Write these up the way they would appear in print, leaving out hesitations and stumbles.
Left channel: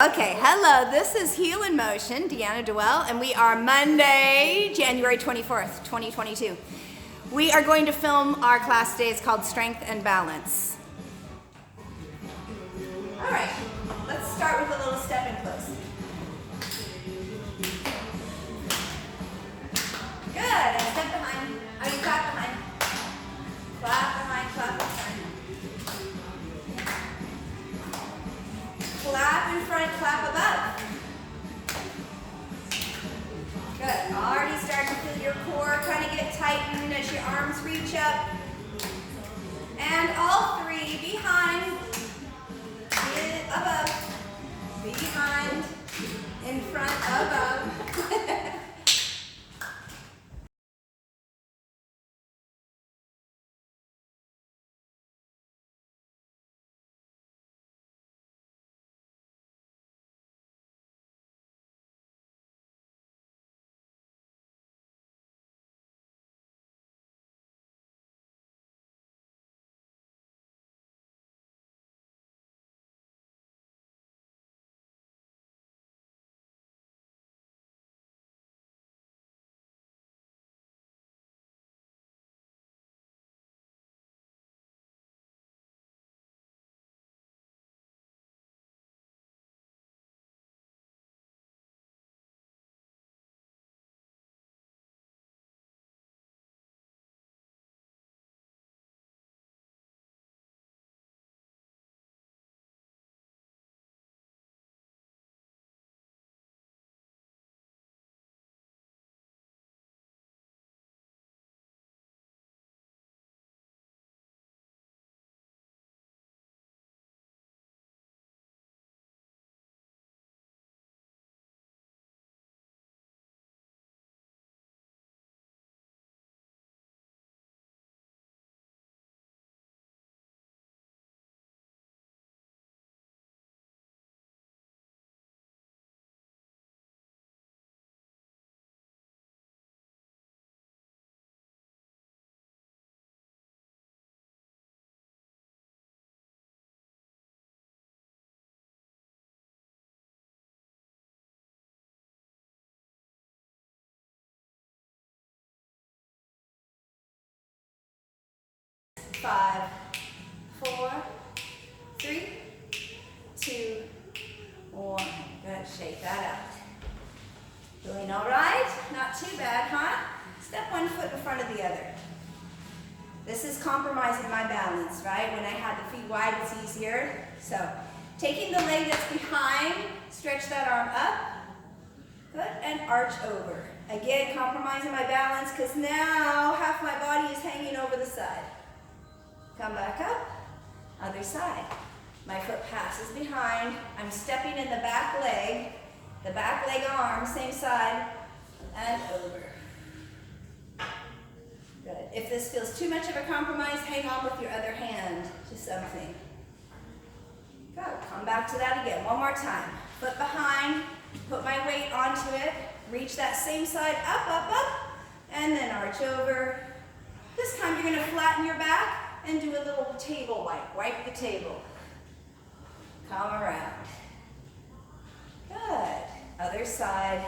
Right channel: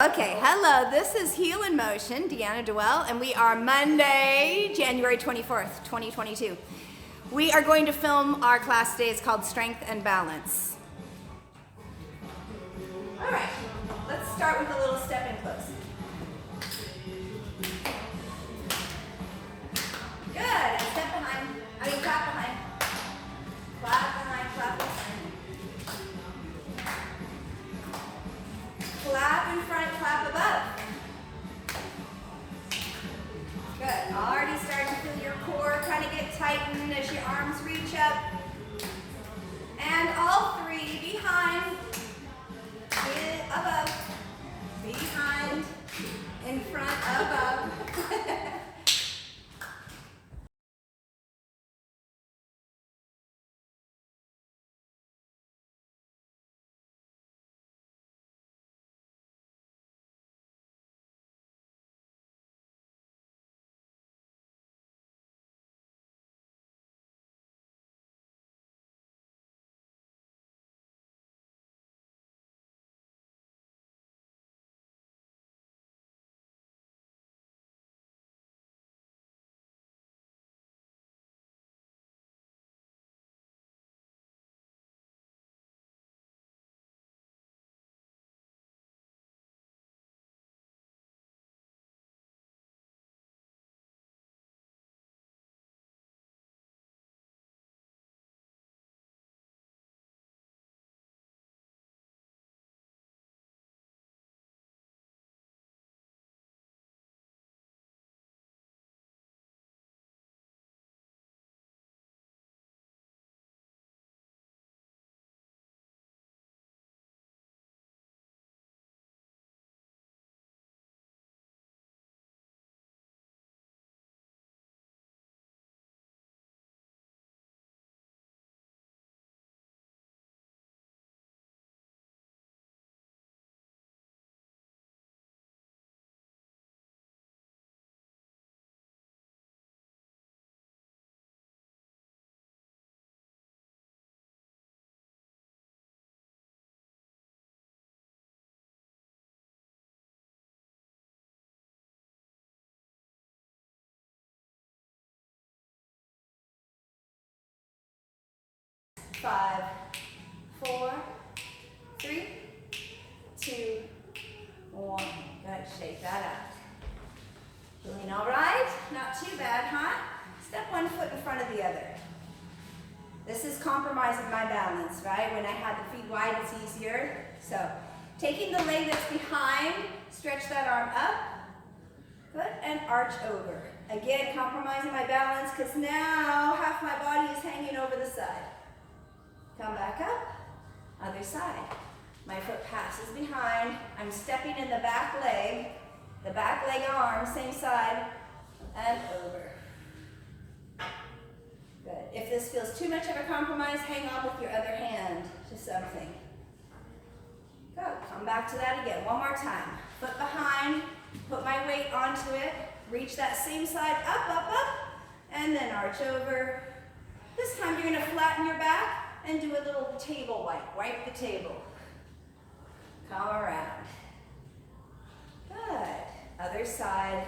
Okay, hello, this is Heel in Motion, Deanna Dewell, and we are Monday, January 24th, 2022. We are going to film our class today. It's called Strength and Balance. All right, let's start with a little step in close. Good, and step behind, clap behind. Clap behind, clap behind. Clap in front, clap above. Good. Already starting to feel your core kind of get tightened as your arms reach up. And all three, behind, above, behind, in front, above. Five, 4, 3, 2, 1. Good, shake that out. Doing all right? Not too bad, huh? Step one foot in front of the other. This is compromising my balance, right? When I have the feet wide, it's easier. So, taking the leg that's behind, stretch that arm up. Good, and arch over. Again, compromising my balance because now half my body is hanging over the side. Come back up, other side. My foot passes behind. I'm stepping in the back leg arm, same side, and over. Good. If this feels too much of a compromise, hang on with your other hand to something. Good. Come back to that again. One more time. Foot behind, put my weight onto it, reach that same side, up, up, up, and then arch over. This time you're going to flatten your back and do a little table wipe. Wipe the table. Come around. Good. Other side.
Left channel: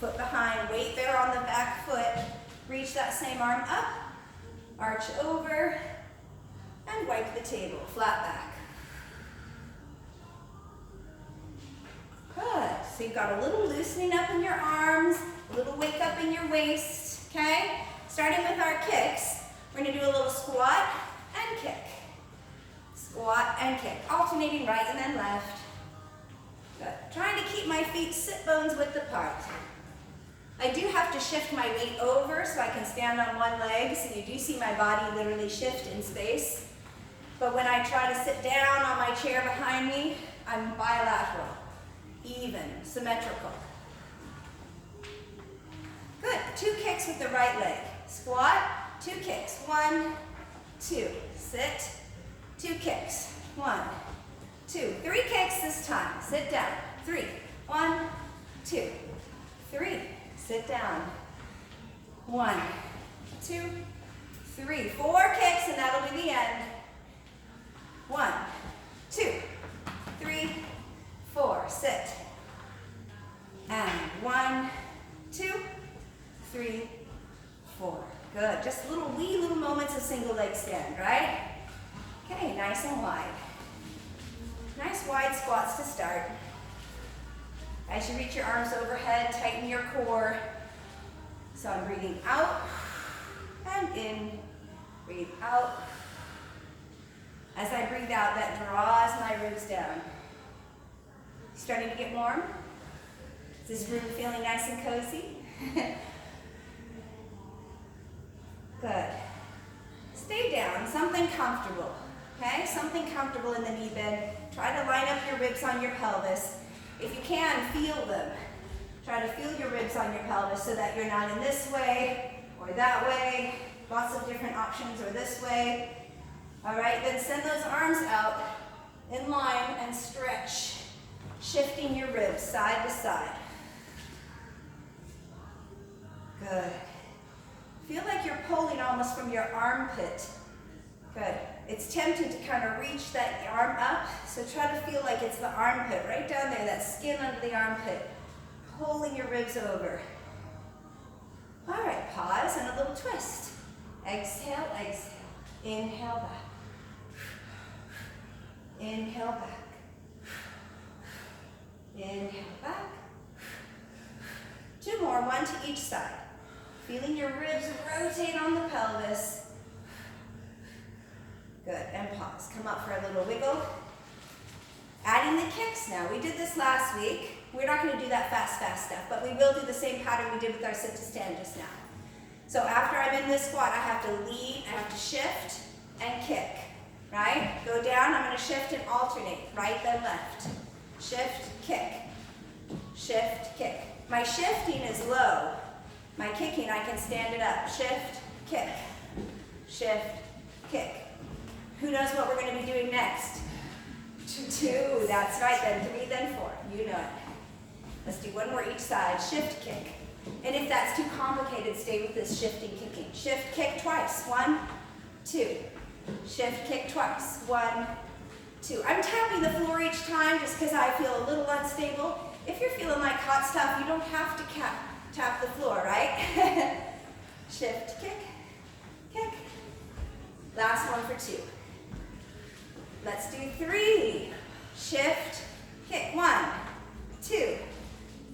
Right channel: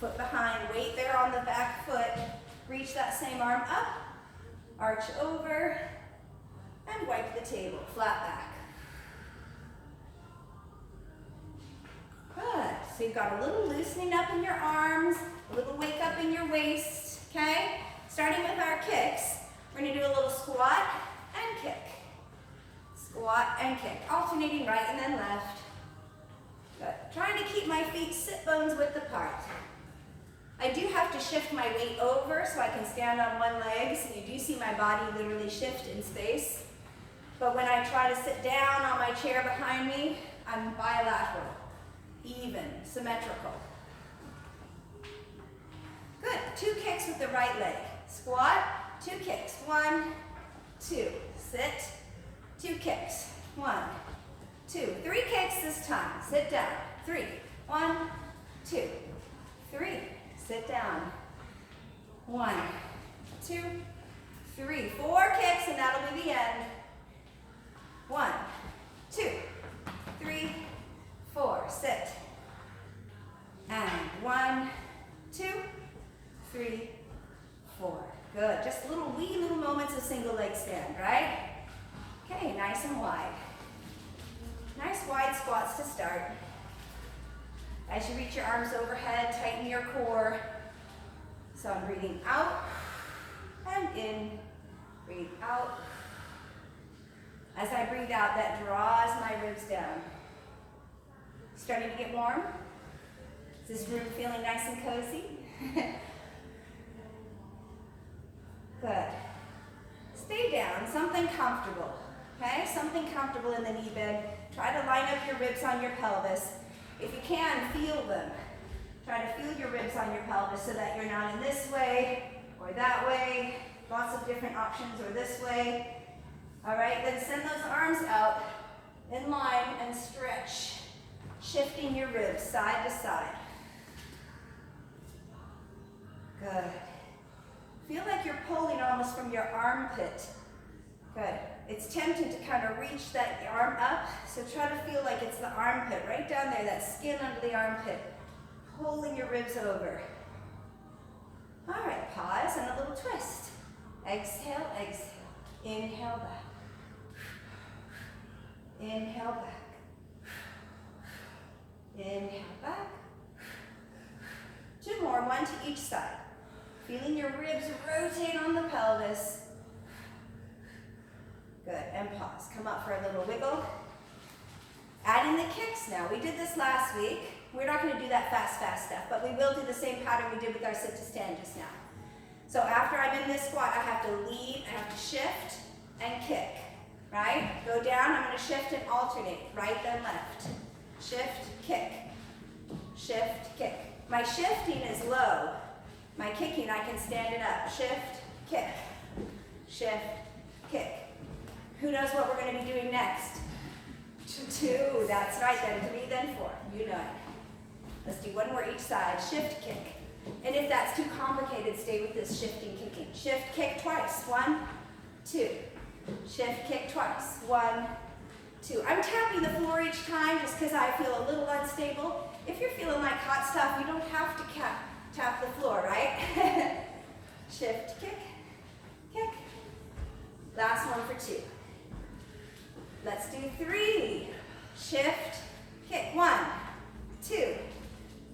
Foot behind. Weight there on the back foot. Reach that same arm up. Arch over. And wipe the table. Flat back. Good. So you've got a little loosening up in your arms. A little wake up in your waist. Okay? Starting with our kicks. We're going to do a little squat and kick. Squat and kick. Alternating right and then left. Good. Trying to keep my feet sit bones width apart. I do have to shift my weight over so I can stand on one leg, so you do see my body literally shift in space. But when I try to sit down on my chair behind me, I'm bilateral, even, symmetrical. Good. 2 kicks with the right leg. Squat, 2 kicks. 1, 2. Sit. 2 kicks. 1, 2. 3 kicks this time. Sit down. 3. 1, 2, 3. Sit down. 1, 2, 3. 4 kicks and that'll be the end. 1, 2, 3, 4, sit. And 1, 2, 3, 4. Good. Just wee little moments of single leg stand, right? Okay, nice and wide. Nice wide squats to start. As you reach your arms overhead, tighten your core. So I'm breathing out and in. Breathe out. As I breathe out, that draws my ribs down. Starting to get warm? Is this room feeling nice and cozy? Good. Stay down, something comfortable, okay? Something comfortable in the knee bend. Try to line up your ribs on your pelvis. If you can, feel them. Try to feel your ribs on your pelvis so that you're not in this way or that way. Lots of different options, or this way. All right, then send those arms out in line and stretch, shifting your ribs side to side. Good. Feel like you're pulling almost from your armpit. Good. It's tempting to kind of reach that arm up, so try to feel like it's the armpit, right down there, that skin under the armpit, pulling your ribs over. All right, pause and a little twist. Exhale, exhale. Inhale back. Inhale back. Inhale back. 2 more, 1 to each side. Feeling your ribs rotate on the pelvis. Good, and pause. Come up for a little wiggle. Adding the kicks now. We did this last week. We're not going to do that fast stuff, but we will do the same pattern we did with our sit to stand just now. So after I'm in this squat, I have to lead, I have to shift and kick, right? Go down, I'm going to shift and alternate, right then left. Shift, kick. Shift, kick. My shifting is low. My kicking, I can stand it up. Shift, kick. Shift, kick. Who knows what we're going to be doing next? 2, that's right, then 3, then 4. You know it. Let's do 1 more each side. Shift, kick. And if that's too complicated, stay with this shifting, kicking. Shift, kick twice. 1, 2. Shift, kick twice. 1, 2. I'm tapping the floor each time just because I feel a little unstable. If you're feeling like hot stuff, you don't have to tap the floor, right? Shift, kick, kick. Last one for 2. Let's do 3. Shift, kick. 1, 2,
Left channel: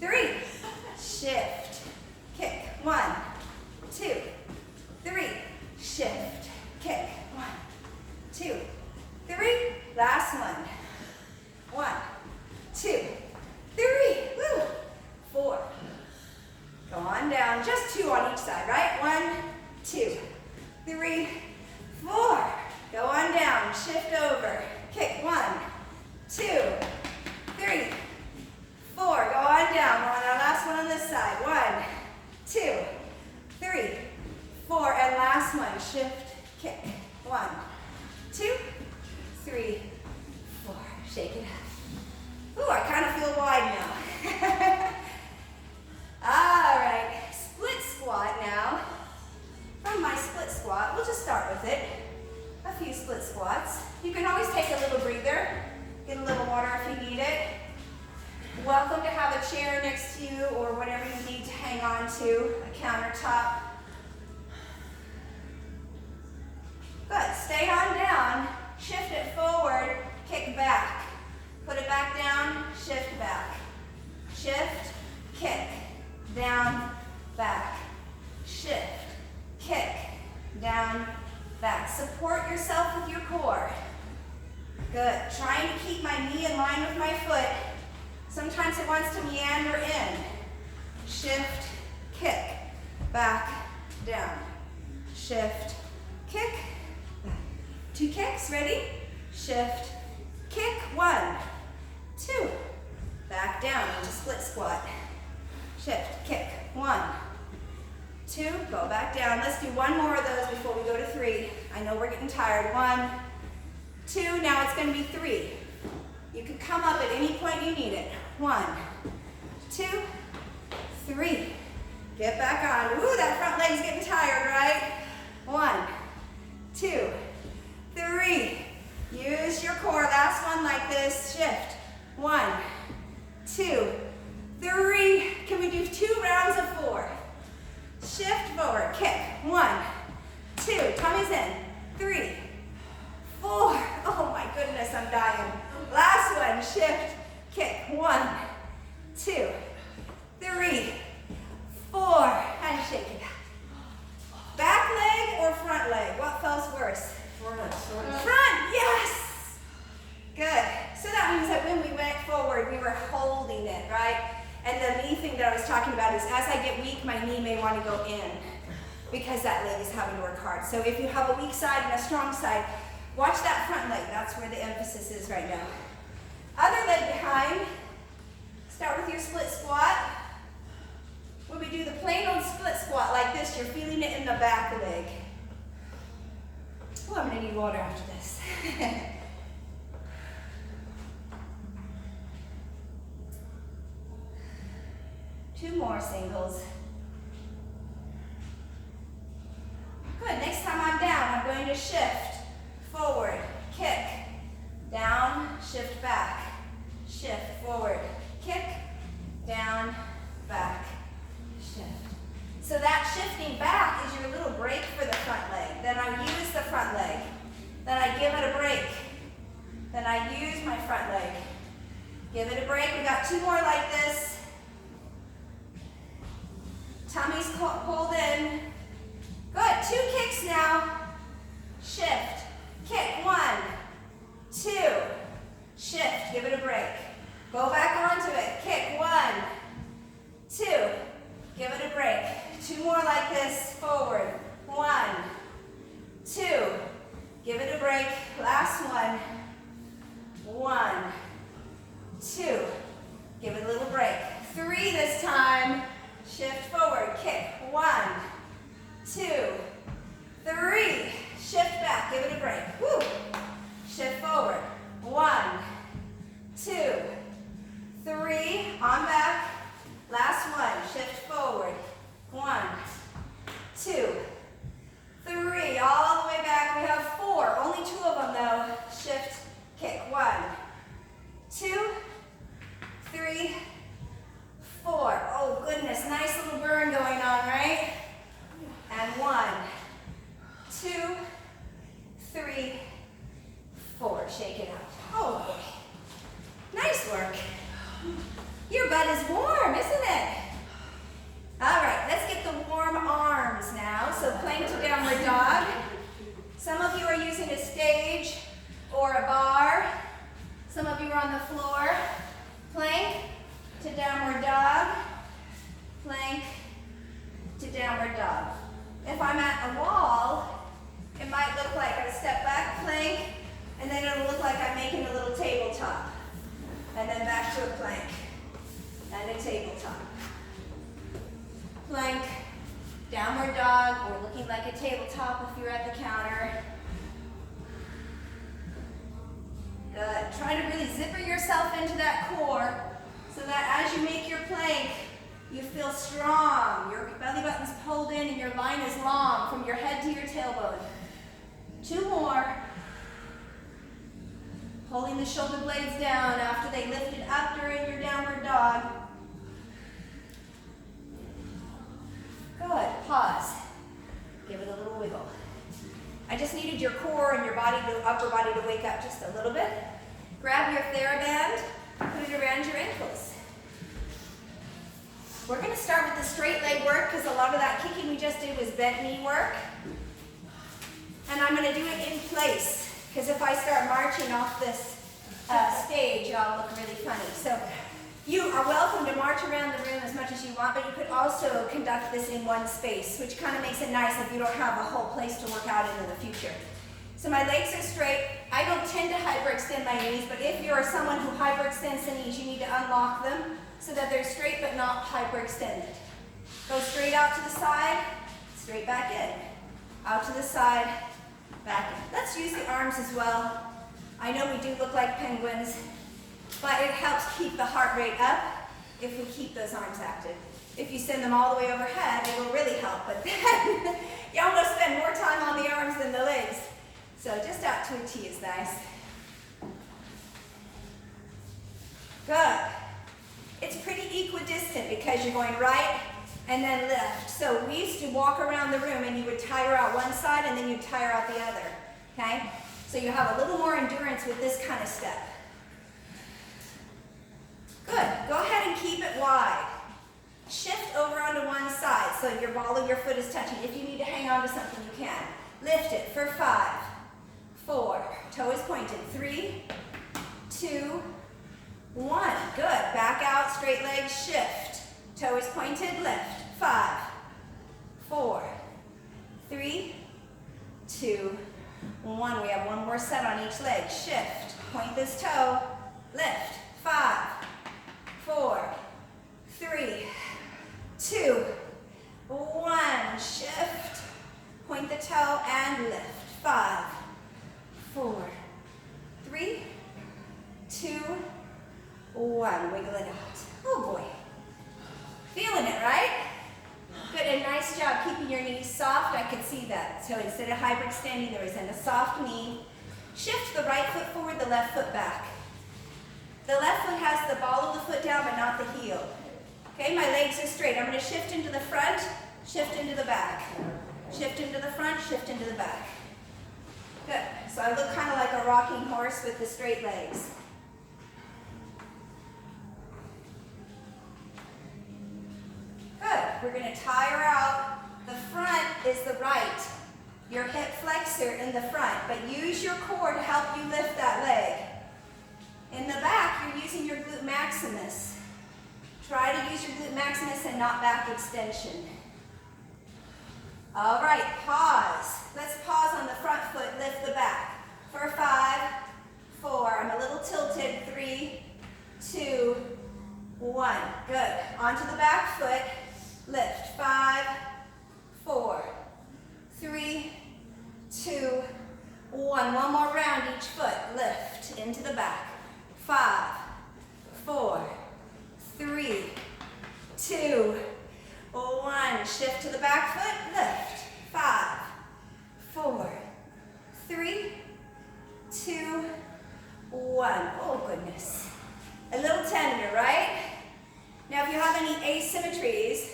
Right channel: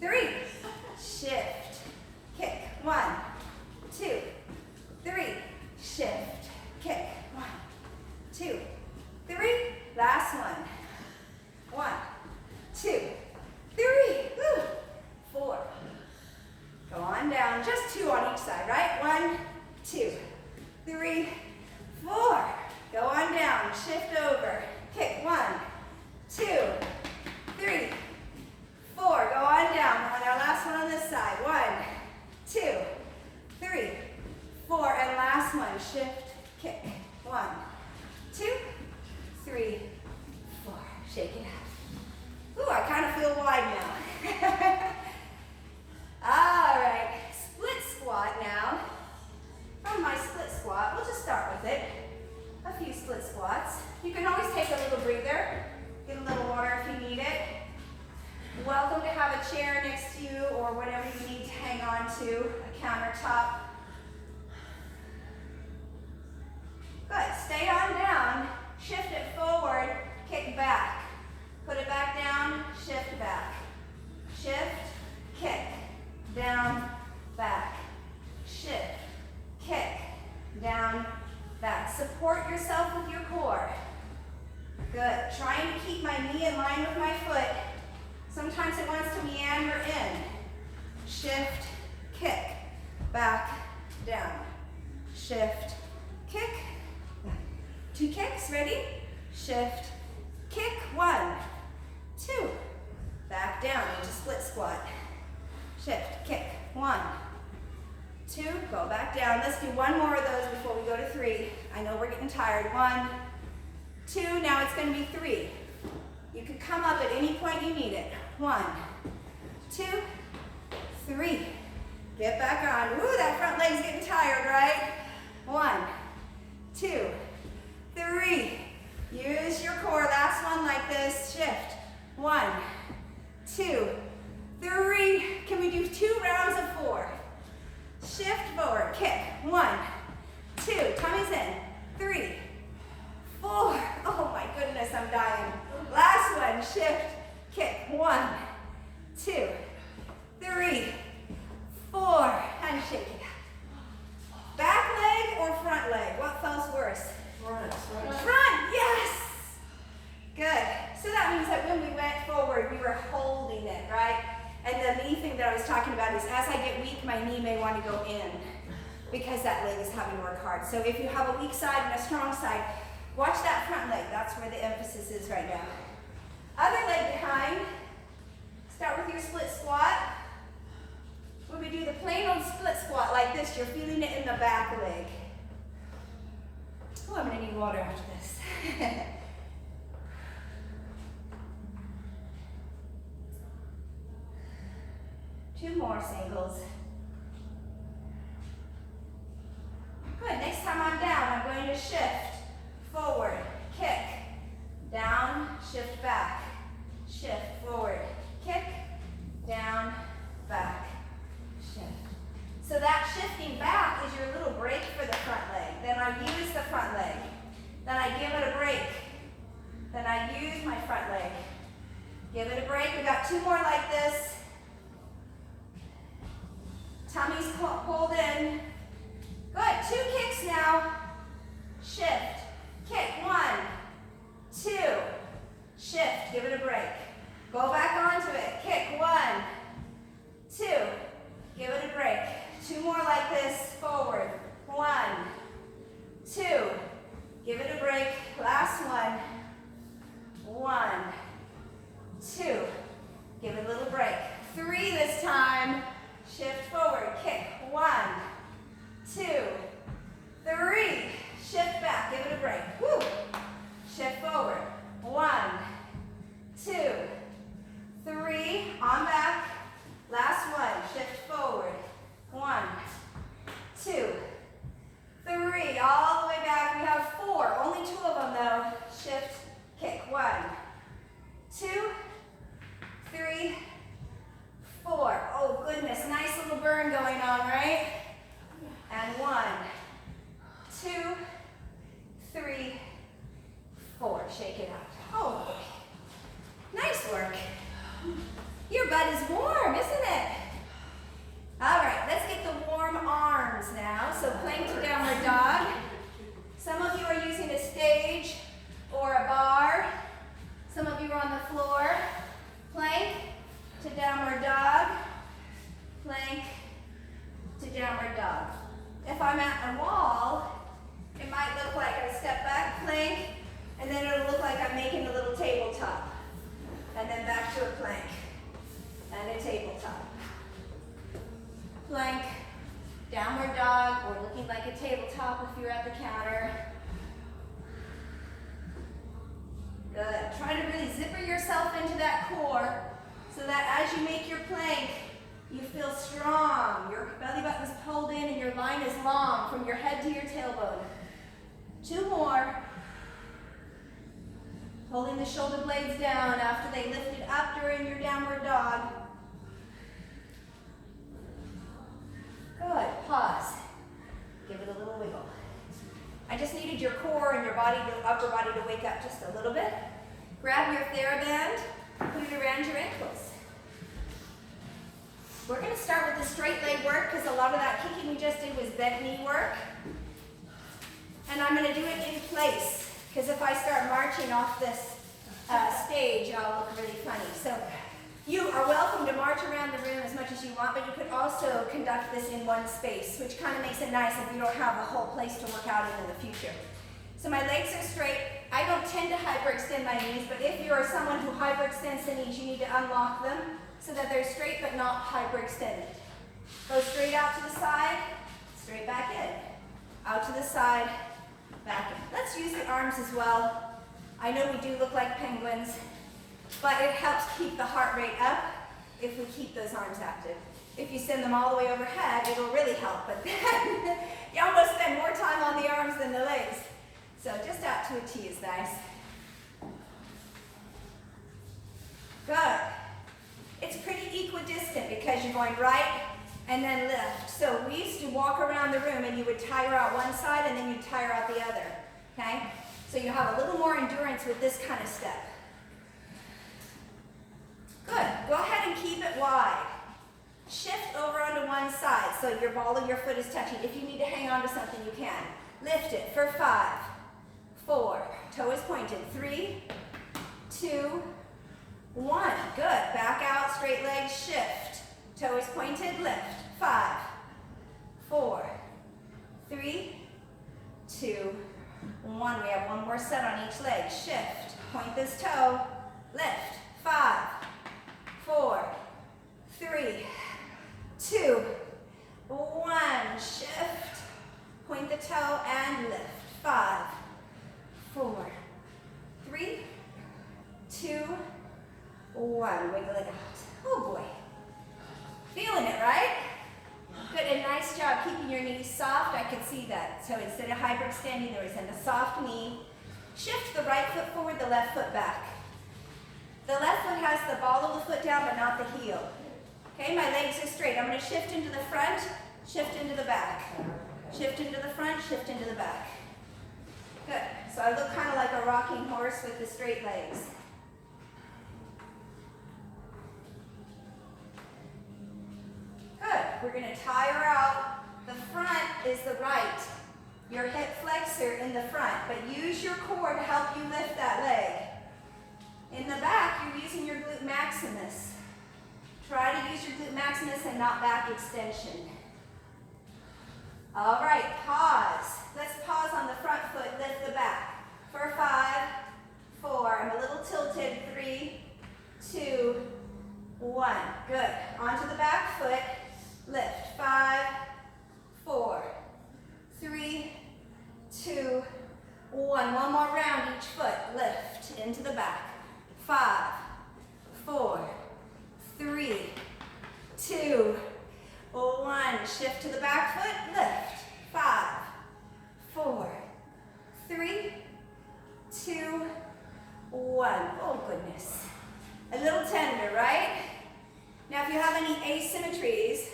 3. Shift, kick. 1, 2, 3. Shift, kick. 1, 2, 3. Last one. 1, 2, 3. Woo. 4. Go on down. Just 2 on each side, right? 1, 2, 3, 4. Go on down. Shift over. Kick. 1, 2, 3, 4. Go on down. We're on our last one on this side. 1, 2, 3, 4. And last one. Shift, kick. 1, 2, 3, 4. Shake it out. Ooh, I kind of feel wide now. All right. Split squat now. From my split squat, we'll just start with it. A few split squats. You can always take a little breather. Get a little water if you need it. Welcome to have a chair next to you or whatever you need to hang on to, a countertop. Good. Stay on down. Shift it forward. Kick back. Put it back down. Shift back. Shift. Kick. Down. Back. Shift. Kick. Down. Back. Support yourself with your core. Good. Trying to keep my knee in line with my foot. Sometimes it wants to meander in. Shift, kick, back, down. Shift, kick, back. 2 kicks, ready? Shift, kick, 1, 2. Back down into split squat. Shift, kick, 1, 2. Go back down. Let's do 1 more of those before we go to 3. I know we're getting tired. 1, 2. Now it's going to be 3. You can come up at any point you need it. 1, 2, 3. Get back on. Ooh, that front leg's getting tired, right? 1, 2, 3. Use your core. Last one like this. Shift. 1, 2, 3. Can we do 2 rounds of 4? Shift forward, kick. 1, 2, tummy's in. 3, 4. Oh my goodness, I'm dying. Last one, shift, kick. 1, 2, 3, 4. And shake it out. Back leg or front leg? What felt worse? Front, yes. Good. So that means that when we went forward, we were holding it, right? And the knee thing that I was talking about is as I get weak, my knee may want to go in because that leg is having to work hard. So if you have a weak side and a strong side, watch that front leg. That's where the emphasis is right now. Other leg behind. Start with your split squat. When we do the plain old split squat like this, you're feeling it in the back leg. Oh, I'm going to need water after this. 2 more singles. Good, next time I'm down, I'm going to shift, forward, kick, down, shift back, shift, forward, kick, down, back, shift. So that shifting back is your little break for the front leg. Then I use the front leg. Then I give it a break. Then I use my front leg. Give it a break. We got 2 more like this. Tummy's pulled in. Good. 2 kicks now. Shift. Kick. 1, 2. Shift. Give it a break. Go back onto it. Kick. 1, 2. Give it a break. 2 more like this. Forward. 1, 2. Give it a break. Last one. 1, 2. Give it a little break. 3 this time. Shift forward, kick. 1, 2, 3. Shift back, give it a break. Woo. Shift forward. 1, 2, 3. On back. Last one. Shift forward. 1, 2, 3. All the way back. We have 4. Only 2 of them though. Shift, kick. 1, 2, 3, 4. Oh goodness, nice little burn going on, right? And 1, 2, 3, 4. Shake it out. Oh boy. Nice work. Your butt is warm, isn't it? All right, let's get the warm arms now. So plank to downward dog. Some of you are using a stage or a bar. Some of you are on the floor. Plank to downward dog, plank to downward dog. If I'm at a wall, it might look like I step back, plank, and then it'll look like I'm making a little tabletop. And then back to a plank and a tabletop. Plank, downward dog, or looking like a tabletop if you're at the counter. Good. Try to really zipper yourself into that core, so that as you make your plank, you feel strong. Your belly button's pulled in and your line is long from your head to your tailbone. 2 more. Pulling the shoulder blades down after they lifted up during your downward dog. Good. Pause. Give it a little wiggle. I just needed your core and your body, the upper body, to wake up just a little bit. Grab your TheraBand. Put it around your ankles. We're going to start with the straight leg work because a lot of that kicking we just did was bent knee work. And I'm going to do it in place because if I start marching off this stage, I'll look really funny. So you are welcome to march around the room as much as you want, but you could also conduct this in one space, which kind of makes it nice if you don't have a whole place to work out in the future. So my legs are straight. I don't tend to hyperextend my knees, but if you're someone who hyperextends the knees, you need to unlock them so that they're straight but not hyperextended. Go straight out to the side, straight back in. Out to the side, back in. Let's use the arms as well. I know we do look like penguins, but it helps keep the heart rate up if we keep those arms active. If you send them all the way overhead, it'll really help, but then you almost spend more time on the arms than the legs. So just out to a T is nice. Good. It's pretty equidistant because you're going right and then lift. So we used to walk around the room and you would tire out one side and then you'd tire out the other, okay? So you have a little more endurance with this kind of step. Good. Go ahead and keep it wide. Shift over onto one side so your ball of your foot is touching. If you need to hang on to something, you can. Lift it for 5, 4, toe is pointed, 3, 2, 1. Good. Back out, straight legs, shift. Toe is pointed, lift. 5, 4, 3, 2, 1. We have one more set on each leg. Shift. Point this toe, lift. 5, 4, 3, 2, 1. Shift. Point the toe and lift. 5, 4, 3, 2, 1. Wiggle it out. Oh boy. Feeling it, right? Good, and nice job keeping your knees soft. I could see that. So instead of hyperextending, there was a soft knee. Shift the right foot forward, the left foot back. The left foot has the ball of the foot down, but not the heel. Okay, my legs are straight. I'm going to shift into the front, shift into the back. Shift into the front, shift into the back. Good. So I look kind of like a rocking horse with the straight legs. Good. We're going to tire out. The front is the right. Your hip flexor in the front, but use your core to help you lift that leg. In the back, you're using your glute maximus. Try to use your glute maximus and not back extension. All right, pause. Let's pause on the front foot, lift the back. For 5, 4, I'm a little tilted, 3, 2, 1. Good. Onto the back foot, lift. 5, 4, 3, 2, 1. One more round each foot, lift into the back. 5, 4, 3, 2, 1. Shift to the back foot, lift. 5, 4, 3, 2, 1. Oh goodness. A little tender, right? Now if you have any asymmetries,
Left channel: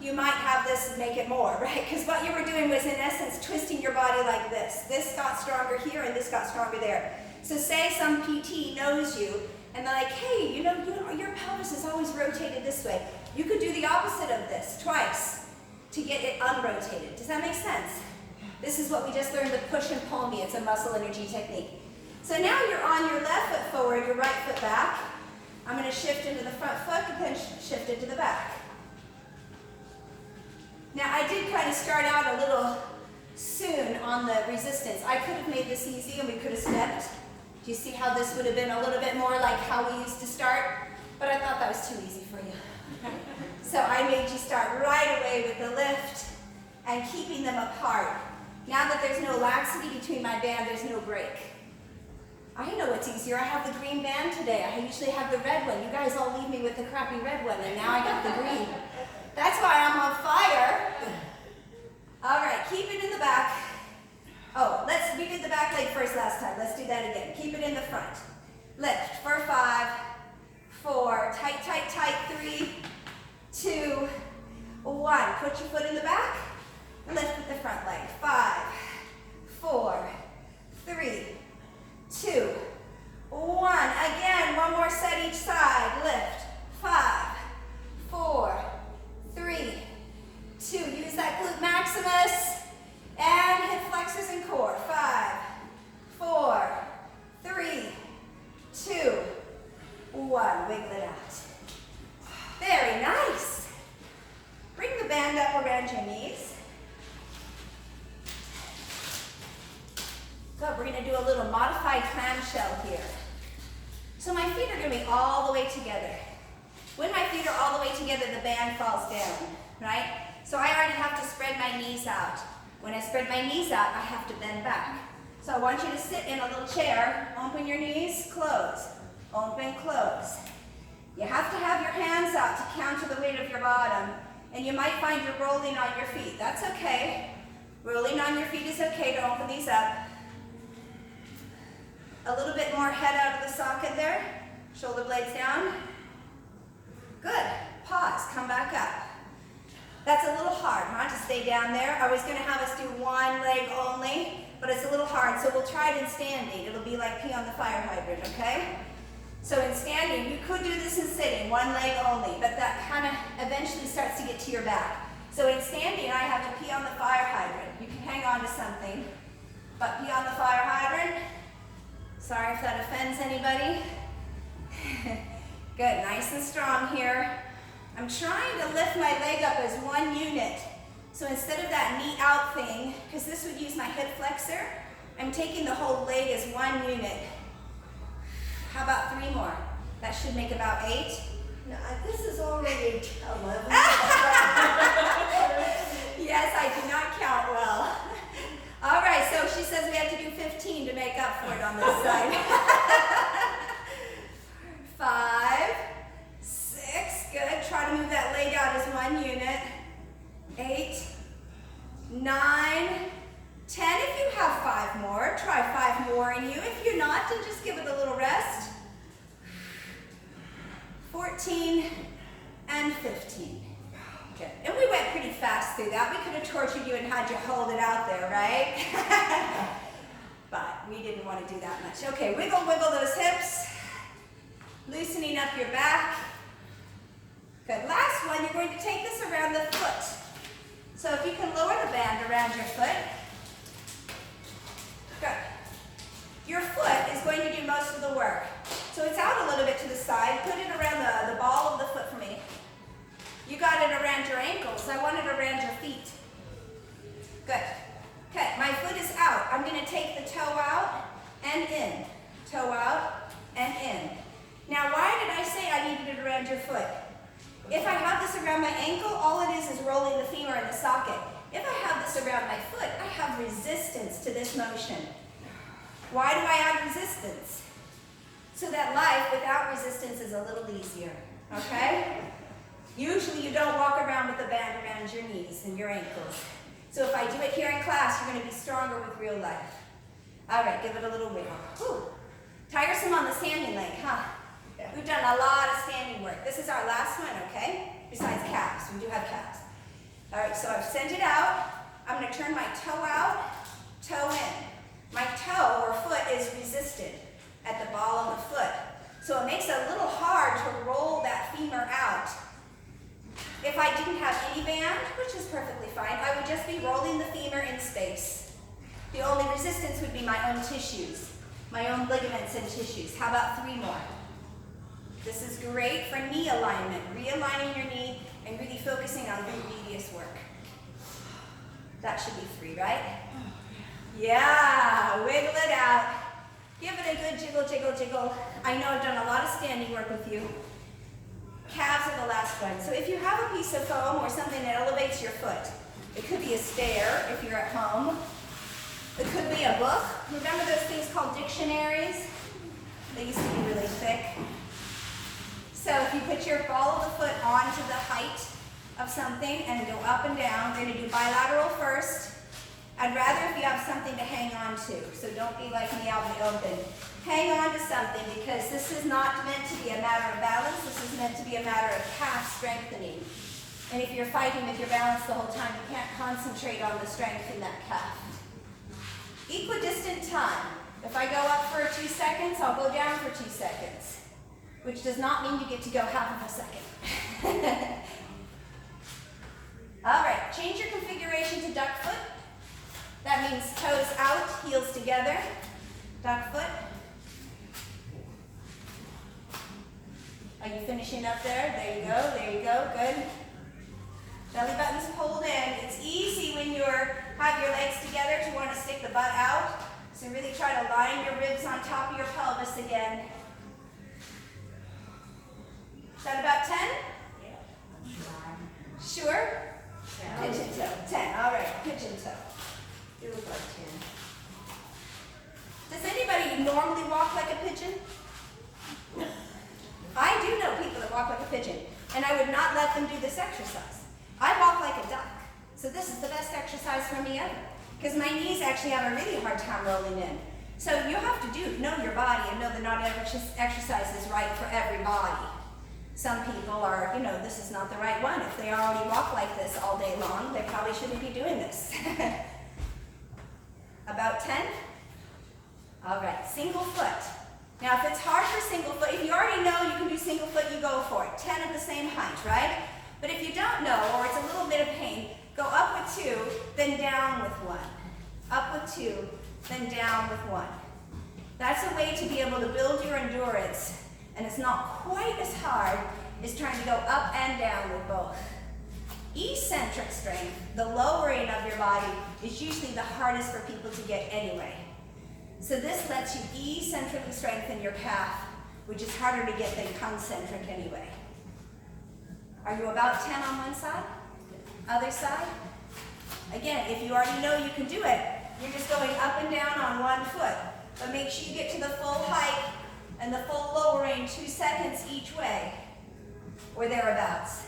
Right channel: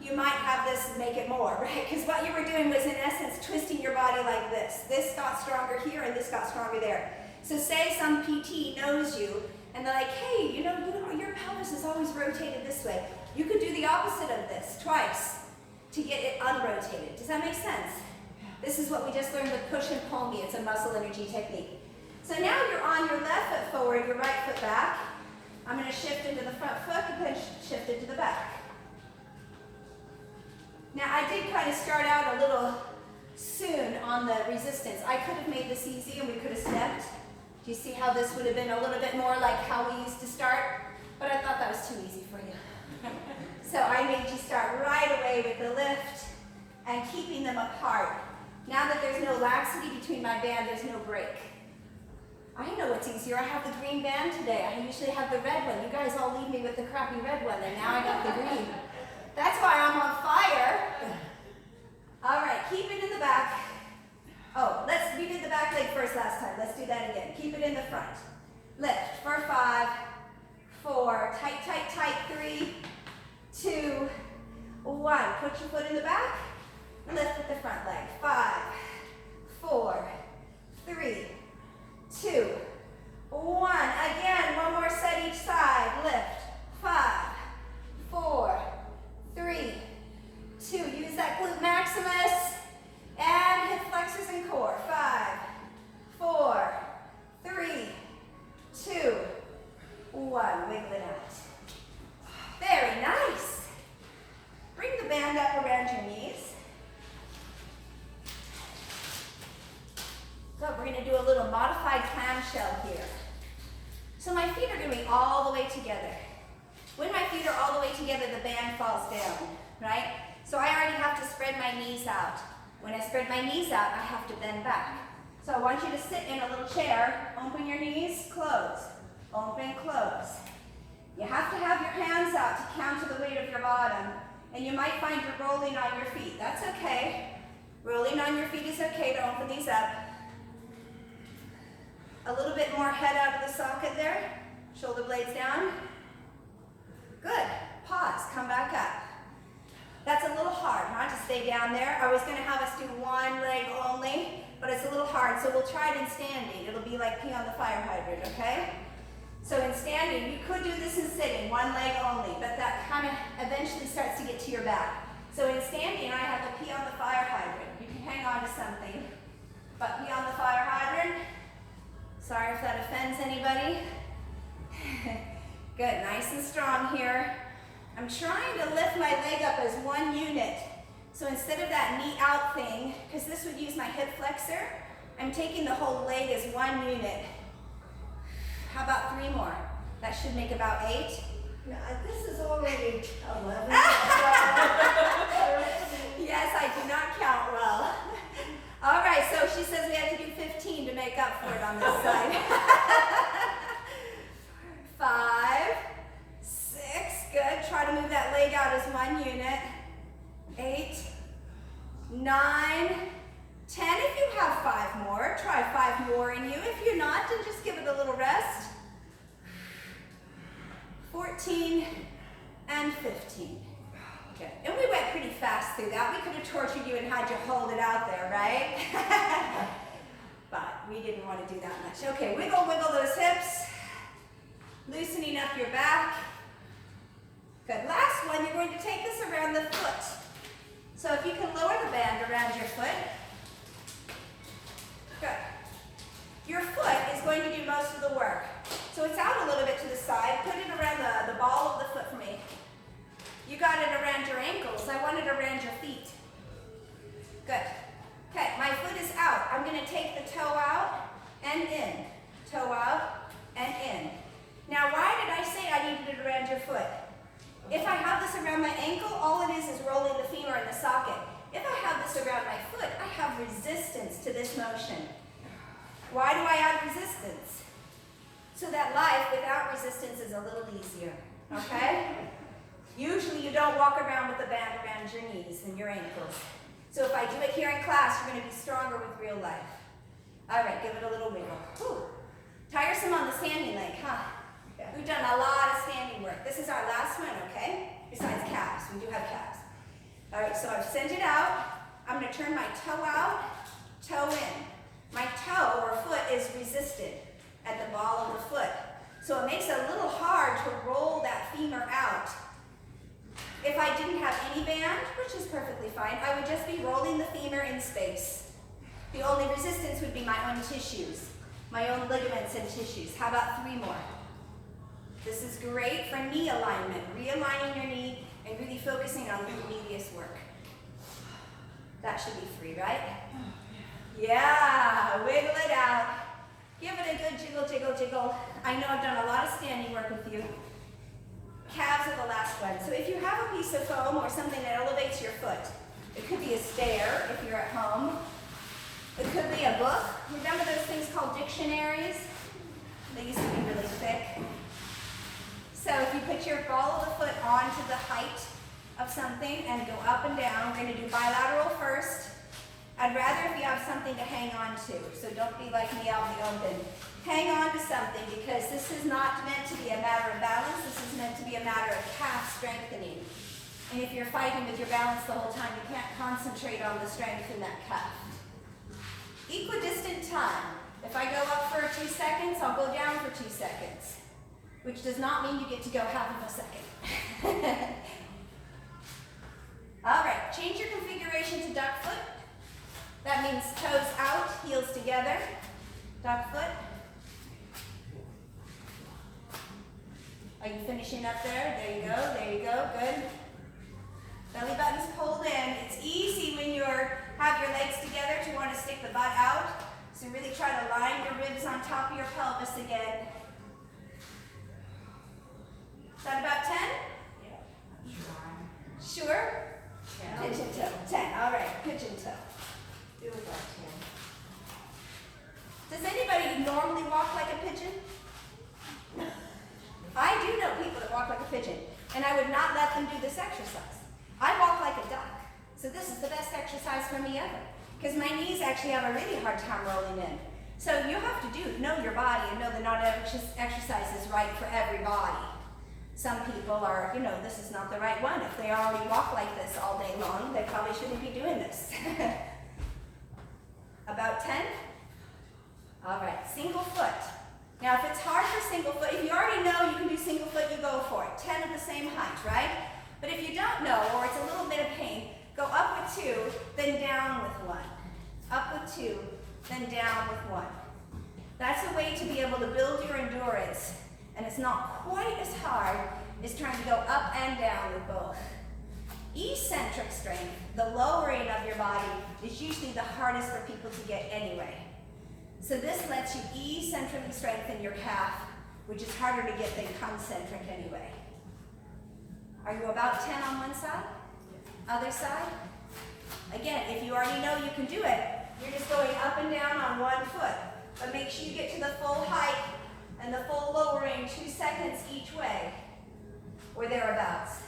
you might have this make it more, right? Because what you were doing was in essence twisting your body like this. This got stronger here and this got stronger there. So say some PT knows you and they're like, hey, you know, your pelvis is always rotated this way. You could do the opposite of this twice to get it unrotated. Does that make sense? This is what we just learned with push and pull me. It's a muscle energy technique. So now you're on your left foot forward, your right foot back. I'm going to shift into the front foot and then shift into the back. Now I did kind of start out a little soon on the resistance. I could have made this easy and we could have stepped. Do you see how this would have been a little bit more like how we used to start? But I thought that was too easy for you. So I made you start right away with the lift and keeping them apart. Now that there's no laxity between my band, there's no break. I know what's easier. I have the green band today. I usually have the red one. You guys all leave me with the crappy red one, and now I got the green. That's why I'm on fire. All right, keep it in the back. Oh, we did the back leg first last time. Let's do that again. Keep it in the front. Lift for 5, 4, tight, tight, tight, 3, 2, 1. Put your foot in the back. Lift with the front leg. 5, 4, 3, 2, 1. Again, one more set each side. Lift. 5, 4, 3, 2. Use that glute maximus and hip flexors and core. 5, 4, 3, 2, 1. Wiggle it out. Very nice. Bring the band up around your knees. Good, we're going to do a little modified clamshell here. So my feet are going to be all the way together. When my feet are all the way together, the band falls down, right? So I already have to spread my knees out. When I spread my knees out, I have to bend back. So I want you to sit in a little chair, open your knees, close, open, close. You have to have your hands out to counter the weight of your bottom, and you might find you're rolling on your feet. That's okay. Rolling on your feet is okay to open these up. A little bit more head out of the socket there. Shoulder blades down. Good. Pause. Come back up. That's a little hard, huh, to stay down there. I was going to have us do one leg only, but it's a little hard, so we'll try it in standing. It'll be like pee on the fire hydrant, okay? So in standing, you could do this in sitting, one leg only, but that kind of eventually starts to get to your back. So in standing, I have a pee on the fire hydrant. You can hang on to something, but pee on the fire hydrant. Sorry if that offends anybody. Good, nice and strong here. I'm trying to lift my leg up as one unit. So instead of that knee out thing, because this would use my hip flexor, I'm taking the whole leg as one unit. How about 3 more? That should make about 8. No, this is already 11. Yes, I do not count well. All right, so she says we have to do 15 to make up for it on this side. 5, 6, good. Try to move that leg out as one unit. 8, 9, 10. If you have 5 more, try 5 more in you. If you're not, then just give it a little rest. 14 and 15. Good. And we went pretty fast through that. We could have tortured you and had you hold it out there, right? But we didn't want to do that much. Okay, wiggle, wiggle those hips. Loosening up your back. Good. Last one, you're going to take this around the foot. So if you can lower the band around your foot. Good. Your foot is going to do most of the work. So it's out a little bit to the side. Put it around the ball of the foot for me. You got it around your ankles. I want it around your feet. Good. Okay, my foot is out. I'm going to take the toe out and in. Toe out and in. Now, why did I say I needed it around your foot? If I have this around my ankle, all it is rolling the femur in the socket. If I have this around my foot, I have resistance to this motion. Why do I add resistance? So that life without resistance is a little easier, okay? Usually you don't walk around with the band around your knees and your ankles. So if I do it here in class, you're going to be stronger with real life. All right, give it a little wiggle. Whew. Tiresome on the standing leg, huh? We've done a lot of standing work. This is our last one, okay? Besides calves, we do have calves. All right, so I've sent it out. I'm going to turn my toe out, toe in. My toe or foot is resisted at the ball of the foot. So it makes it a little hard to roll that femur out. If I didn't have any band, which is perfectly fine, I would just be rolling the femur in space. The only resistance would be my own tissues, my own ligaments and tissues. How about 3 more? This is great for knee alignment, realigning your knee and really focusing on glute medius work. That should be 3, right? Yeah, wiggle it out. Give it a good jiggle, jiggle, jiggle. I know I've done a lot of standing work with you. Calves are the last one. So if you have a piece of foam or something that elevates your foot, it could be a stair if you're at home. It could be a book. Remember those things called dictionaries? They used to be really thick. So if you put your ball of the foot onto the height of something and go up and down, we're going to do bilateral first. I'd rather if you have something to hang on to, so don't be like me out in the open. Hang on to something because this is not meant to be a matter of balance. This is meant to be a matter of calf strengthening. And if you're fighting with your balance the whole time, you can't concentrate on the strength in that calf. Equidistant time. If I go up for 2 seconds, I'll go down for 2 seconds, which does not mean you get to go half of a second. All right, change your configuration to duck foot. That means toes out, heels together. Duck foot. Are you finishing up there? There you go, good. Belly button's pulled in. It's easy when you have your legs together to want to stick the butt out. So really try to line your ribs on top of your pelvis again. Is that about 10? Yeah. Sure? Pigeon toe. 10. All right, pigeon toe. Do about 10. Does anybody normally walk like a pigeon? I do know people that walk like a pigeon, and I would not let them do this exercise. I walk like a duck, so this is the best exercise for me ever, because my knees actually have a really hard time rolling in. So you have to know your body and know that not every exercise is right for everybody. Some people are, this is not the right one. If they already walk like this all day long, they probably shouldn't be doing this. About 10? All right, single foot. Now if it's hard for single foot, if you already know you can do single foot, you go for it. 10 of the same height, right? But if you don't know, or it's a little bit of pain, go up with 2, then down with 1. Up with 2, then down with 1. That's a way to be able to build your endurance, and it's not quite as hard as trying to go up and down with both. Eccentric strength, the lowering of your body, is usually the hardest for people to get anyway. So this lets you eccentrically strengthen your calf, which is harder to get than concentric anyway. Are you about 10 on one side? Other side? Again, if you already know you can do it, you're just going up and down on one foot. But make sure you get to the full height and the full lowering 2 seconds each way, or thereabouts.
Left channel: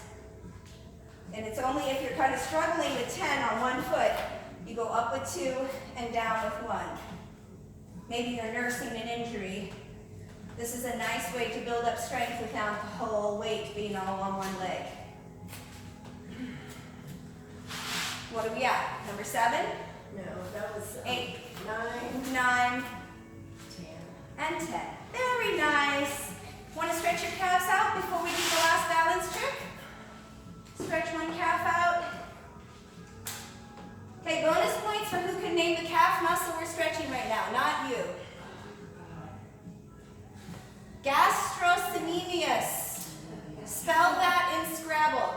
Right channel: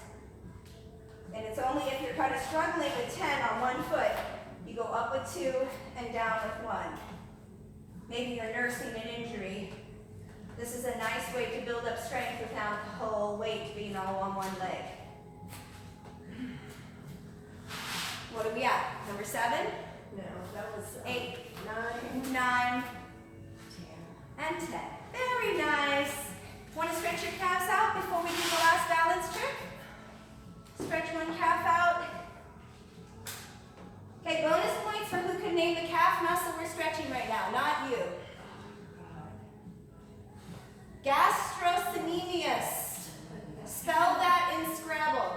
And it's only if you're kind of struggling with 10 on one foot, you go up with 2 and down with 1. Maybe you're nursing an injury. This is a nice way to build up strength without the whole weight being all on one leg. What are we at? Number 7? No, that was 8, 9, 9, 10. and 10. Very nice. Want to stretch your calves out before we do the last balance trick? Stretch one calf out. Okay, bonus points for who can name the calf muscle we're stretching right now, not you. Gastrocnemius. Spell that in Scrabble.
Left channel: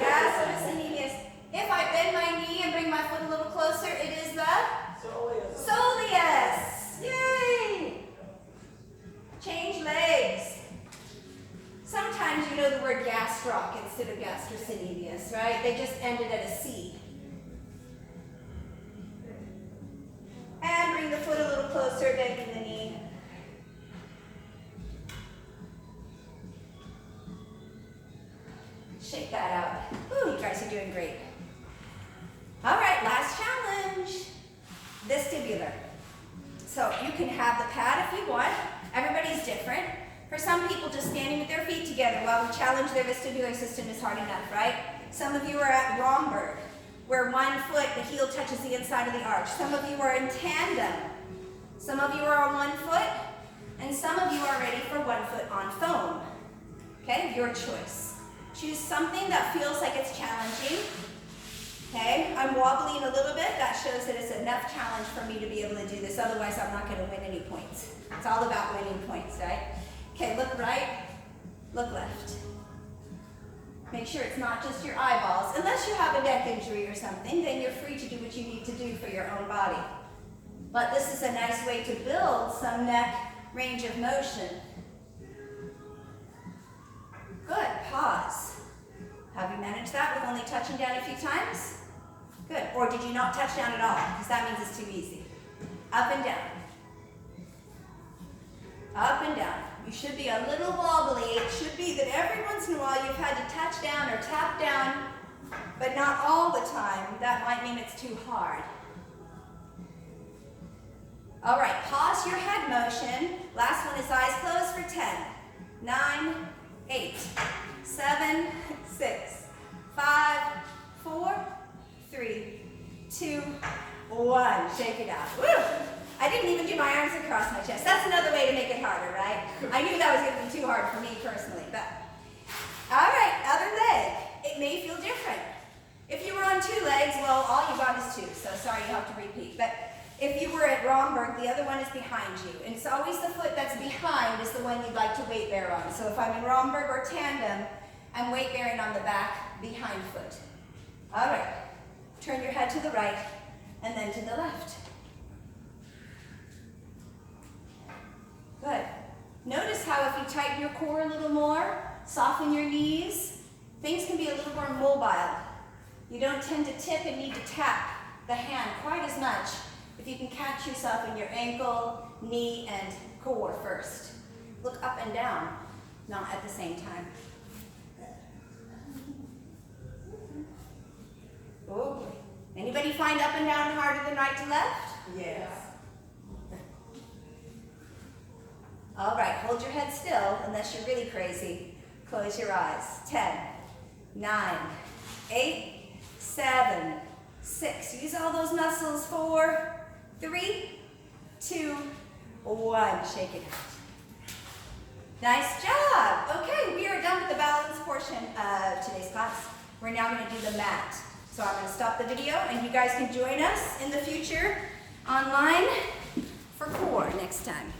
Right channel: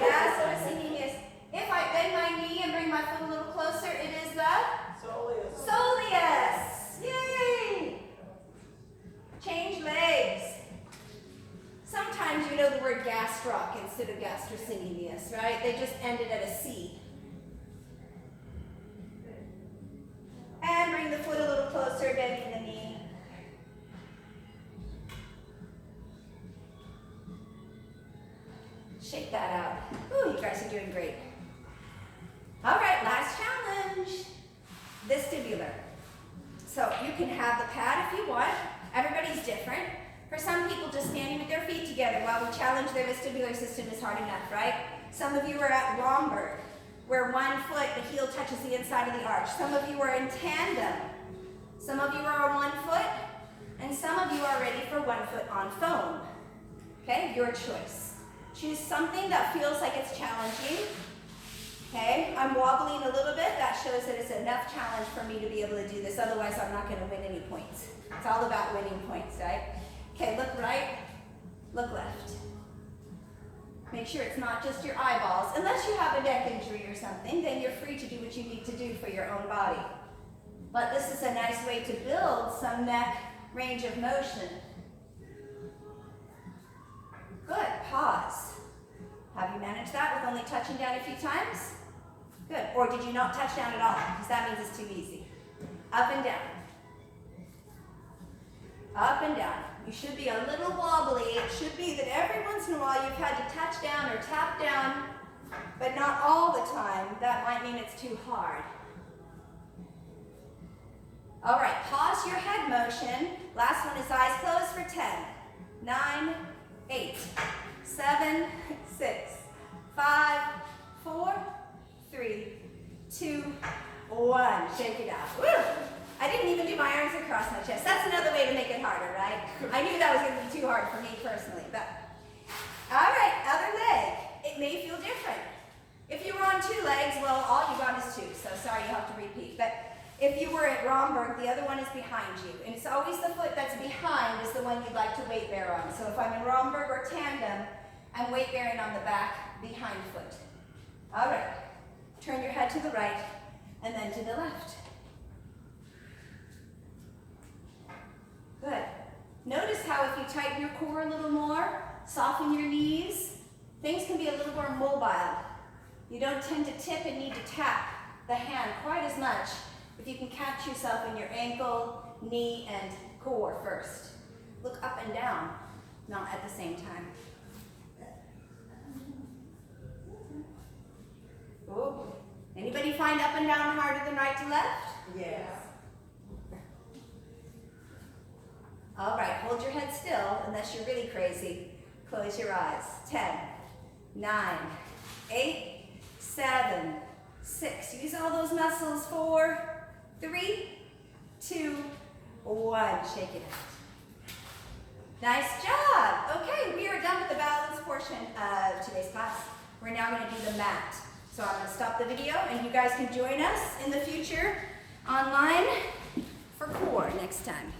Gastrocnemius. If I bend my knee and bring my foot a little closer, it is the? Soleus. Soleus. Yay! Change legs. Sometimes you know the word gastroc instead of gastrocnemius, right? They just ended at a C. And bring the foot a little closer, bending the knee. Shake that out. Ooh, you guys are doing great. All right, last challenge. Vestibular. So you can have the pad if you want. Everybody's different. For some people, just standing with their feet together while we challenge their vestibular system is hard enough, right? Some of you are at Romberg, where one foot, the heel touches the inside of the arch. Some of you are in tandem. Some of you are on one foot, and some of you are ready for one foot on foam. Okay, your choice. Choose something that feels like it's challenging. Okay, I'm wobbling a little bit. That shows that it's enough challenge for me to be able to do this. Otherwise, I'm not going to win any points. It's all about winning points, right? Okay, look right, look left. Make sure it's not just your eyeballs. Unless you have a neck injury or something, then you're free to do what you need to do for your own body. But this is a nice way to build some neck range of motion. Good, pause. Have you managed that with only touching down a few times? Good, or did you not touch down at all? Because that means it's too easy. Up and down. Up and down. You should be a little wobbly. It should be that every once in a while you've had to touch down or tap down, but not all the time. That might mean it's too hard. All right, pause your head motion. Last one is eyes closed for 10, 9, 8, 7, 6, 5, 4, 3, 2, 1. Shake it out. Woo! I didn't even do my arms across my chest. That's another way to make it harder, right? I knew that was going to be too hard for me personally, but. All right, other leg. It may feel different. If you were on 2 legs, well, all you got is 2, so sorry you have to repeat. But if you were at Romberg, the other one is behind you. And it's always the foot that's behind is the one you'd like to weight bear on. So if I'm in Romberg or tandem, I'm weight bearing on the back behind foot. All right, turn your head to the right and then to the left. Good. Notice how if you tighten your core a little more, soften your knees, things can be a little more mobile. You don't tend to tip and need to tap the hand quite as much if you can catch yourself in your ankle, knee, and core first. Look up and down, not at the same time. Oh, anybody find up and down harder than right to left? Yes. All right, hold your head still unless you're really crazy. Close your eyes. 10, 9, 8, 7, 6. Use all those muscles. 4, 3, 2, 1. Shake it out. Nice job. Okay, we are done with the balance portion of today's class. We're now going to do the mat. So I'm going to stop the video and you guys can join us in the future online for core next time.